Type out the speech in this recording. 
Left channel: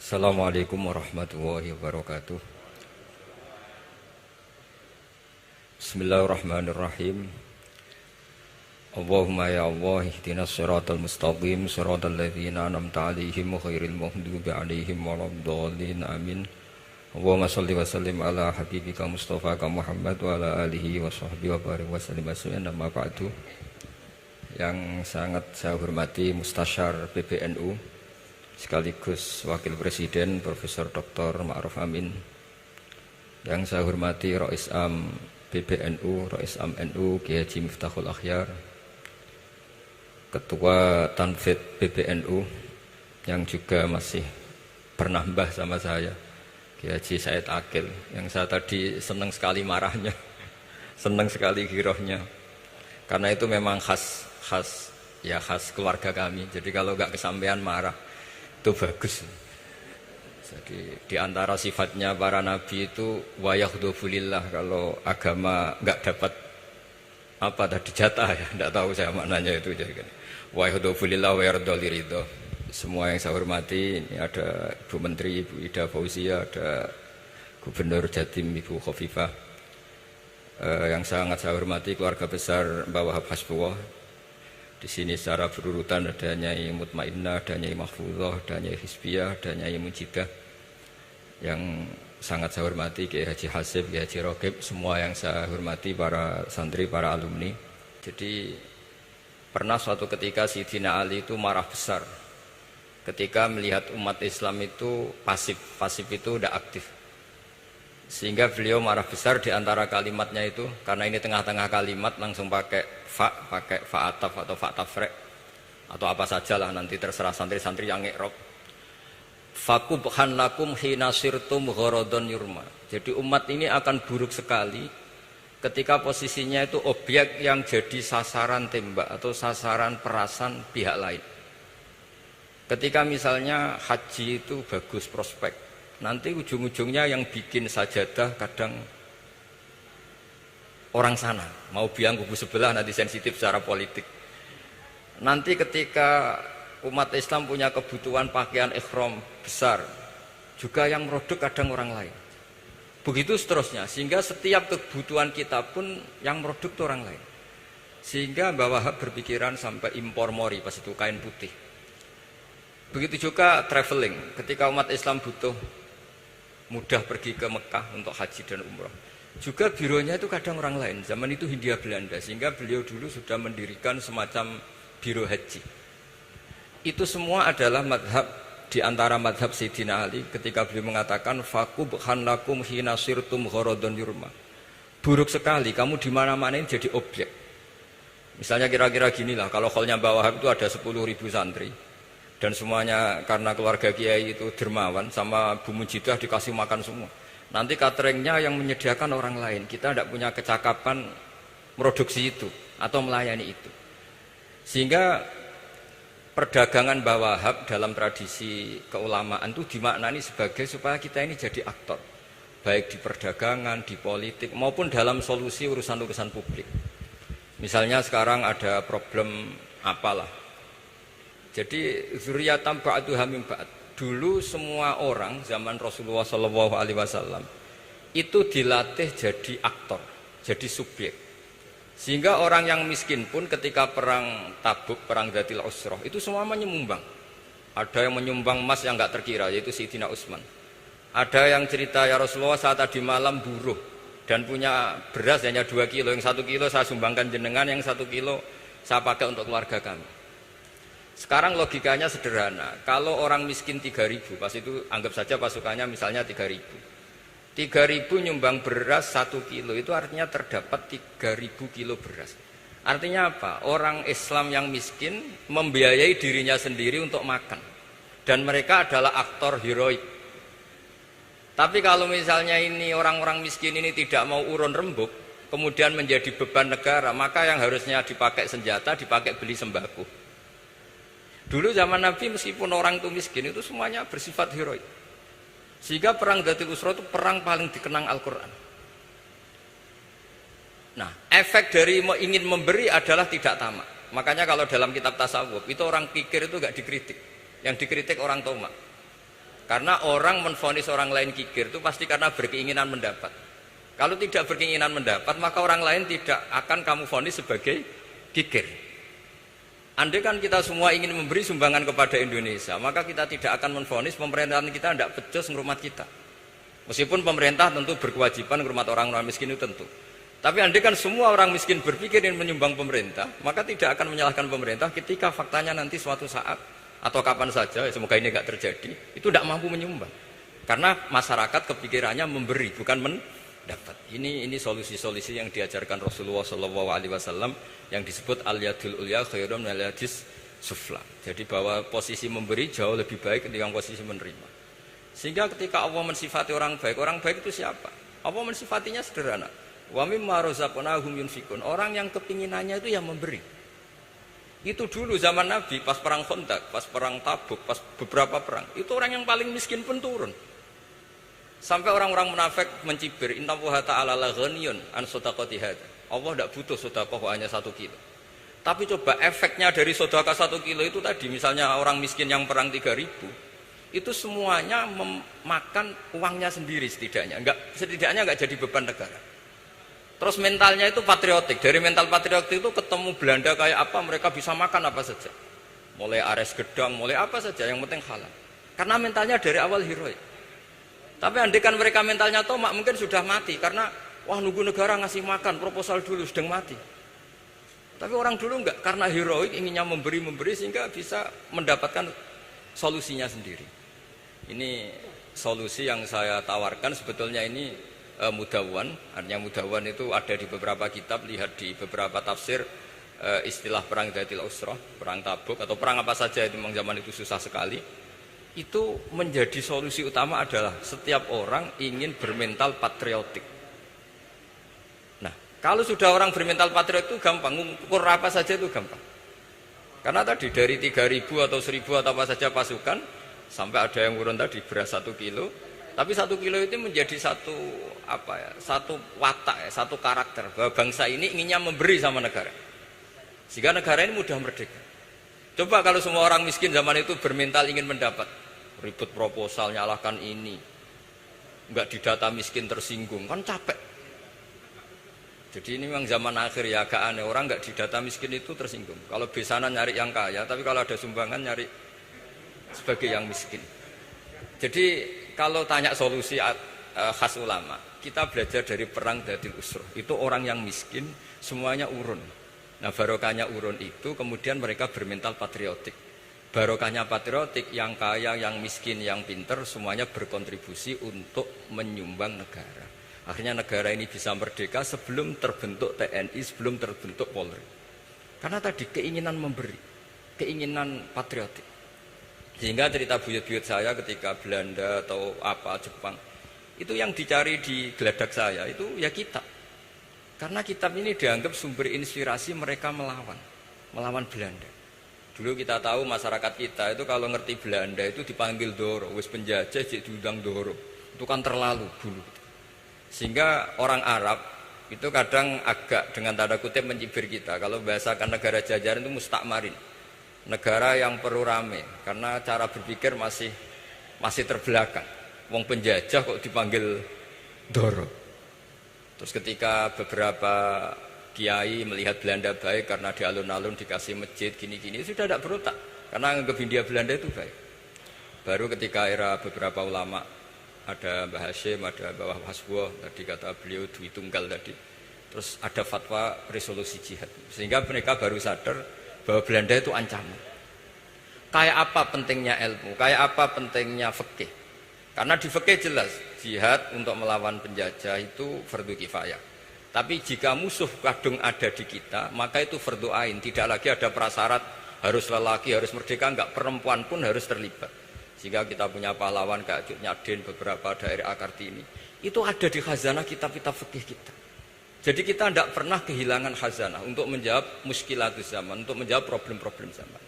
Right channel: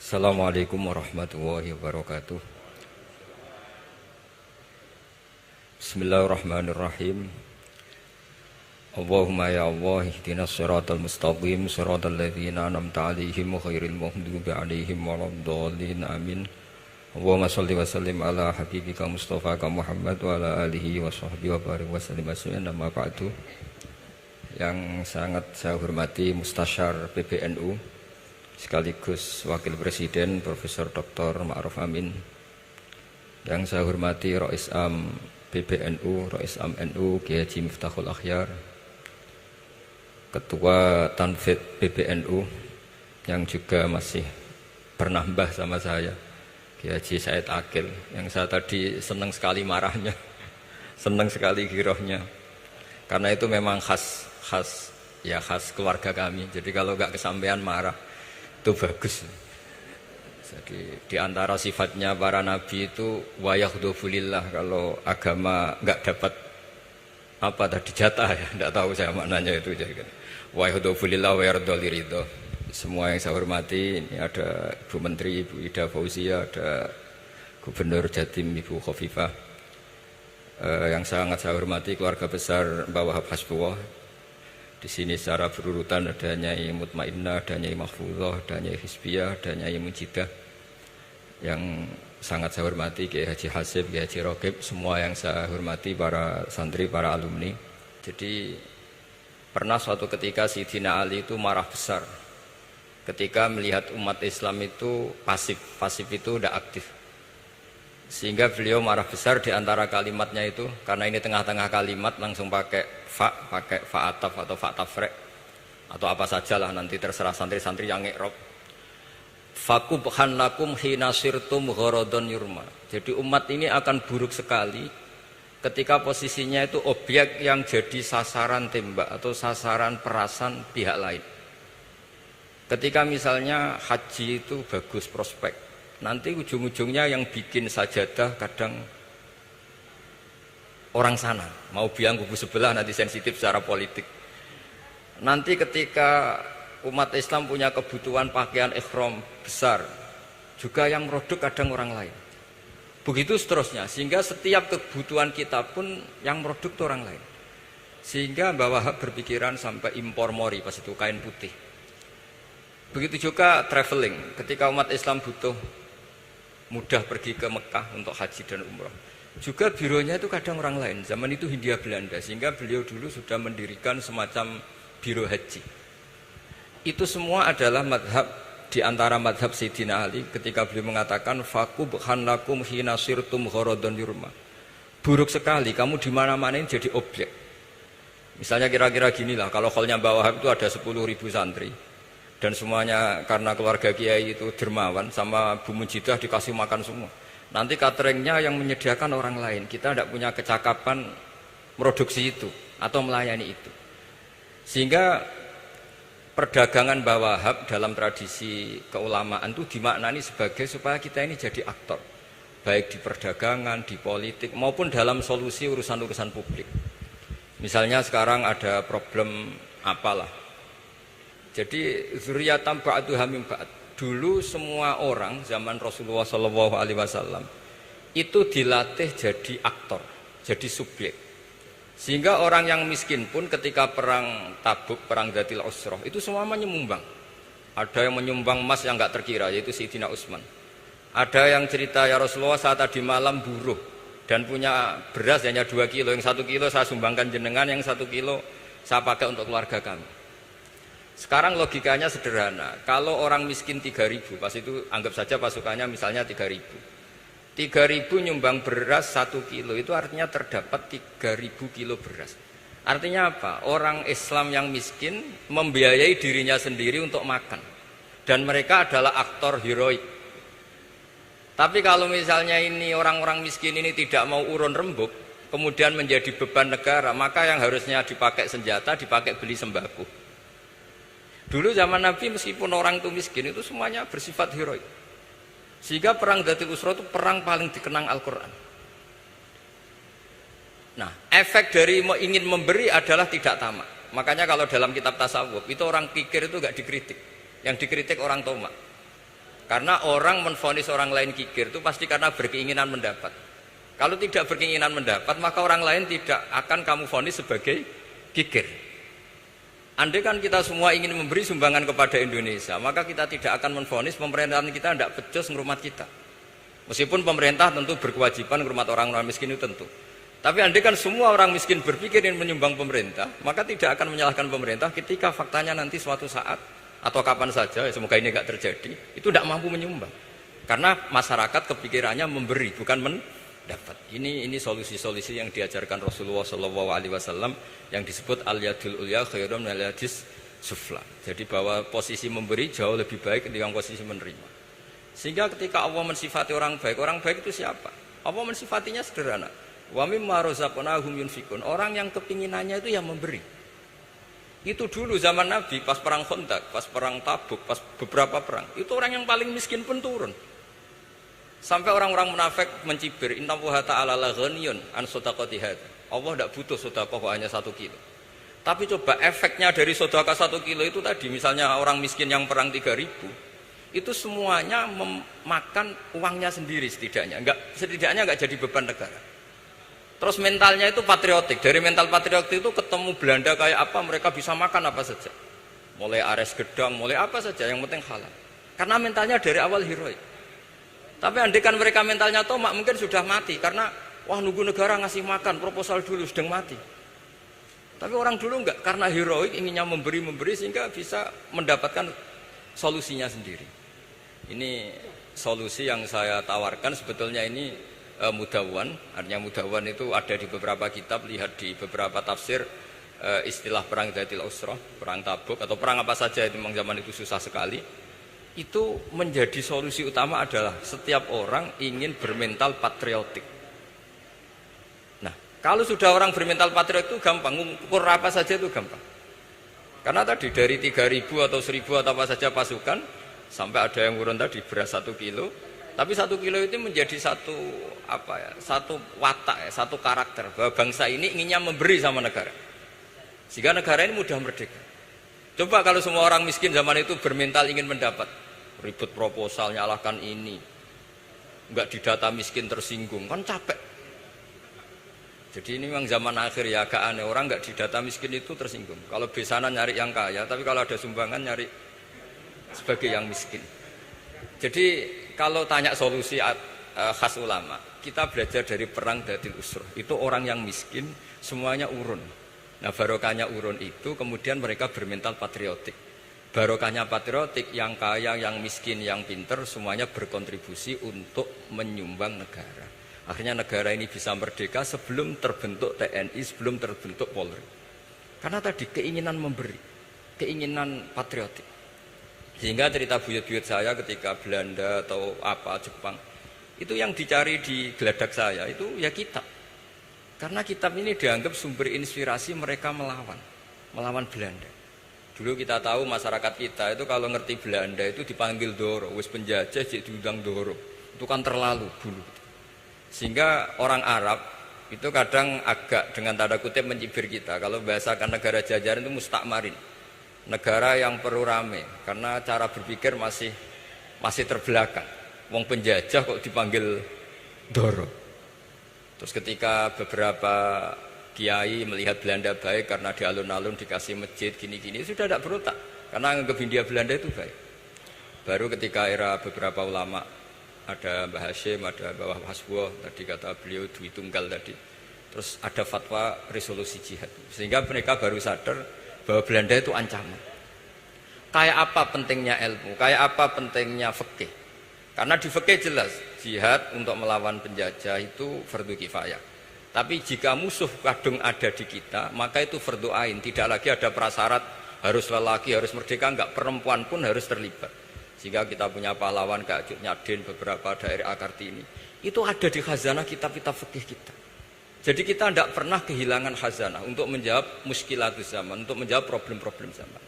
Assalamualaikum warahmatullahi wabarakatuh. Bismillahirrahmanirrahim. Allahumma ya Allah ihdinas siratal mustaqim siratal ladzina an'amta 'alaihim ghairil maghdubi 'alaihim waladdallin amin. Allahumma shalli wa sallim ala habibika Mustafa Muhammad wa ala alihi wa sahbihi wa barik wa sallim asma amma ba'du. Yang sangat saya hormati Mustasyar PBNU sekaligus Wakil Presiden Profesor Dr. Ma'ruf Amin, yang saya hormati Rais Am PBNU, Rais Am NU Kiai Haji Miftahul Akhyar, Ketua Tanfid PBNU yang juga masih pernah mbah sama saya, Kiai Haji Said Akil, yang saya tadi senang sekali marahnya, senang sekali girohnya, karena itu memang khas keluarga kami. Jadi kalau nggak kesampaian marah itu bagus. Jadi di antara sifatnya para nabi itu wa yakhdhufulillah, kalau agama enggak dapat apa tadi jatah ya, enggak tahu saya maknanya itu. Jadi wa yakhdhufulillah wa yardhaliridho. Semua yang saya hormati, ini ada Ibu Menteri Ibu Ida Fauzia, ada Gubernur Jatim Ibu Khofifah, yang sangat saya hormati keluarga besar Mbak Wahab Hasbullah. Di sini secara berurutan ada Nyai Mutmainnah, ada Nyai Mahfuzah, ada Nyai Hizbiyah, ada Nyai Mujidah. Yang sangat saya hormati Kiai Haji Hasib, Kiai Haji Rokib, semua yang saya hormati para santri, para alumni. Jadi pernah suatu ketika Sayyidina Ali itu marah besar ketika melihat umat Islam itu pasif itu tidak aktif. Sehingga beliau marah besar di antara kalimatnya itu, karena ini tengah-tengah kalimat langsung pakai fa'ataf atau fa'tafrek atau apa sajalah, nanti terserah santri-santri yang iqrob. Fakubhan lakum hina sirtum gharadun yurma. Jadi umat ini akan buruk sekali ketika posisinya itu objek yang jadi sasaran tembak atau sasaran perasan pihak lain. Ketika misalnya haji itu bagus prospek, nanti ujung-ujungnya yang bikin sajadah kadang orang sana, mau biang kubu sebelah, nanti sensitif secara politik. Nanti ketika umat Islam punya kebutuhan pakaian ihram besar, juga yang produk kadang orang lain. Begitu seterusnya, sehingga setiap kebutuhan kita pun yang produk itu orang lain. Sehingga Mbak Wahab berpikiran sampai impor mori, pas itu kain putih. Begitu juga traveling, ketika umat Islam butuh mudah pergi ke Mekah untuk haji dan umrah, juga bironya itu kadang orang lain. Zaman itu Hindia Belanda, sehingga beliau dulu sudah mendirikan semacam biro haji. Itu semua adalah madhab, di antara madhab Sayyidina Ali ketika beliau mengatakan fakubhan lakum hina sirtum gharadun yurma. Buruk sekali kamu di mana-mana ini jadi objek. Misalnya kira-kira ginilah, kalau hallnya Mbak Wahab itu ada 10.000 santri, dan semuanya karena keluarga kiai itu dermawan, sama Bu Mujidah dikasih makan semua. Nanti cateringnya yang menyediakan orang lain, kita tidak punya kecakapan produksi itu atau melayani itu. Sehingga perdagangan Mbah Wahab dalam tradisi keulamaan itu dimaknani sebagai supaya kita ini jadi aktor, baik di perdagangan, di politik, maupun dalam solusi urusan-urusan publik. Misalnya sekarang ada problem apalah, jadi zuriyatam ba'duha min ba'd. Dulu semua orang zaman Rasulullah SAW itu dilatih jadi aktor, jadi subjek. Sehingga orang yang miskin pun ketika perang Tabuk, perang Dzatil Usrah, itu semua menyumbang. Ada yang menyumbang emas yang enggak terkira, yaitu Sayyidina Utsman. Ada yang cerita, ya Rasulullah saat tadi malam buruh dan punya beras hanya 2 kilo, yang 1 kilo saya sumbangkan jenengan, yang 1 kilo saya pakai untuk keluarga kami. Sekarang logikanya sederhana, kalau orang miskin 3.000, pas itu anggap saja pasukannya misalnya 3.000. 3.000 nyumbang beras 1 kilo, itu artinya terdapat 3.000 kilo beras. Artinya apa? Orang Islam yang miskin membiayai dirinya sendiri untuk makan. Dan mereka adalah aktor heroik. Tapi kalau misalnya ini orang-orang miskin ini tidak mau urun rembuk, kemudian menjadi beban negara, maka yang harusnya dipakai senjata, dipakai beli sembako. Dulu zaman Nabi meskipun orang itu miskin, itu semuanya bersifat heroik. Sehingga perang Dzatil Usrah itu perang paling dikenang Al-Quran. Nah, efek dari ingin memberi adalah tidak tamak. Makanya kalau dalam kitab tasawuf, itu orang pikir itu gak dikritik. Yang dikritik orang tomak. Karena orang menvonis orang lain kikir itu pasti karena berkeinginan mendapat. Kalau tidak berkeinginan mendapat, maka orang lain tidak akan kamu vonis sebagai kikir. Andai kan kita semua ingin memberi sumbangan kepada Indonesia, maka kita tidak akan menvonis pemerintahan kita tidak becus ngurmat kita. Meskipun pemerintah tentu berkewajiban ngurmat orang-orang miskin itu tentu. Tapi andai kan semua orang miskin berpikir ingin menyumbang pemerintah, maka tidak akan menyalahkan pemerintah ketika faktanya nanti suatu saat atau kapan saja, semoga ini tidak terjadi, itu tidak mampu menyumbang. Karena masyarakat kepikirannya memberi, bukan mendapat. Ini solusi-solusi yang diajarkan Rasulullah SAW yang disebut al-yadul ulya khairun minal yadis sufla. Jadi bahwa posisi memberi jauh lebih baik ketimbang posisi menerima. Sehingga ketika Allah mensifati orang baik itu siapa? Allah mensifatinya sederhana. Wa mimma razaqnahum yunfikun. Orang yang kepinginannya itu yang memberi. Itu dulu zaman Nabi pas perang Khandaq, pas perang Tabuk, pas beberapa perang. Itu orang yang paling miskin pun turun. Sampai orang-orang munafik mencibir, "Inna Allaha ta'ala la ghaniyun an shadaqati hadza." Allah tidak butuh sedekah hanya 1 kilo. Tapi coba efeknya dari sedekah 1 kilo itu tadi, misalnya orang miskin yang perang 3.000, itu semuanya memakan uangnya sendiri setidaknya enggak jadi beban negara. Terus mentalnya itu patriotik. Dari mental patriotik itu ketemu Belanda kayak apa, mereka bisa makan apa saja. Mulai ares gedang, mulai apa saja, yang penting halal. Karena mentalnya dari awal heroik. Tapi andai kan mereka mentalnya tomak, mungkin sudah mati. Karena, wah nunggu negara ngasih makan, proposal dulu, sudah mati. Tapi orang dulu enggak, karena heroik, inginnya memberi sehingga bisa mendapatkan solusinya sendiri. Ini solusi yang saya tawarkan sebetulnya ini mudawwan, artinya mudawwan itu ada di beberapa kitab, lihat di beberapa tafsir istilah perang Dzatil Usrah, perang Tabuk atau perang apa saja itu memang zaman itu susah sekali. Itu menjadi solusi utama adalah setiap orang ingin bermental patriotik. Nah, kalau sudah orang bermental patriotik itu gampang, mengukur apa saja itu gampang. Karena tadi dari 3.000 atau 1.000 atau apa saja pasukan, sampai ada yang urun tadi beras 1 kilo, tapi 1 kilo itu menjadi satu watak, satu karakter bahwa bangsa ini inginnya memberi sama negara, sehingga negara ini mudah merdeka. Coba kalau semua orang miskin zaman itu bermental ingin mendapat, ribut proposal, nyalahkan ini, enggak didata miskin tersinggung, kan capek. Jadi ini memang zaman akhir ya, agak aneh, orang enggak didata miskin itu tersinggung. Kalau besanan nyari yang kaya, tapi kalau ada sumbangan nyari sebagai yang miskin. Jadi kalau tanya solusi khas ulama, kita belajar dari perang Dzatil Usrah. Itu orang yang miskin semuanya urun. Nah, barokahnya urun itu kemudian mereka bermental patriotik. Barokahnya patriotik, yang kaya, yang miskin, yang pinter semuanya berkontribusi untuk menyumbang negara. Akhirnya negara ini bisa merdeka sebelum terbentuk TNI, sebelum terbentuk Polri. Karena tadi keinginan memberi, keinginan patriotik. Sehingga cerita buyut-buyut saya ketika Belanda atau apa Jepang, itu yang dicari di geladak saya itu ya kitab. Karena kitab ini dianggap sumber inspirasi mereka melawan Belanda. Dulu kita tahu masyarakat kita itu kalau ngerti Belanda itu dipanggil Doro, wis penjajah jadi diundang Doro. Itu kan terlalu dulu. Sehingga orang Arab itu kadang agak dengan tanda kutip mencibir kita. Kalau bahasakan negara jajahan itu mustakmarin. Negara yang perlu rame karena cara berpikir masih terbelakang. Wong penjajah kok dipanggil Doro. Terus ketika beberapa kiai melihat Belanda baik karena di alun-alun dikasih masjid gini-gini, sudah tidak berotak karena anggap Hindia Belanda itu baik. Baru ketika era beberapa ulama, ada Mbah Hashim, ada Mbah Hasbo, tadi kata beliau Dwi Tunggal tadi. Terus ada fatwa resolusi jihad. Sehingga mereka baru sadar bahwa Belanda itu ancaman. Kayak apa pentingnya ilmu, kayak apa pentingnya fikih. Karena di fikih jelas, jihad untuk melawan penjajah itu fardu kifayah. Tapi jika musuh kadung ada di kita, maka itu fardu ain. Tidak lagi ada prasyarat harus lelaki, harus merdeka, enggak, perempuan pun harus terlibat. Jika kita punya pahlawan kayak Cut Nyadin, beberapa daerah Kartini, itu ada di khazanah kitab-kitab fikih kita. Jadi kita tidak pernah kehilangan khazanah untuk menjawab muskilatus zaman, untuk menjawab problem-problem zaman.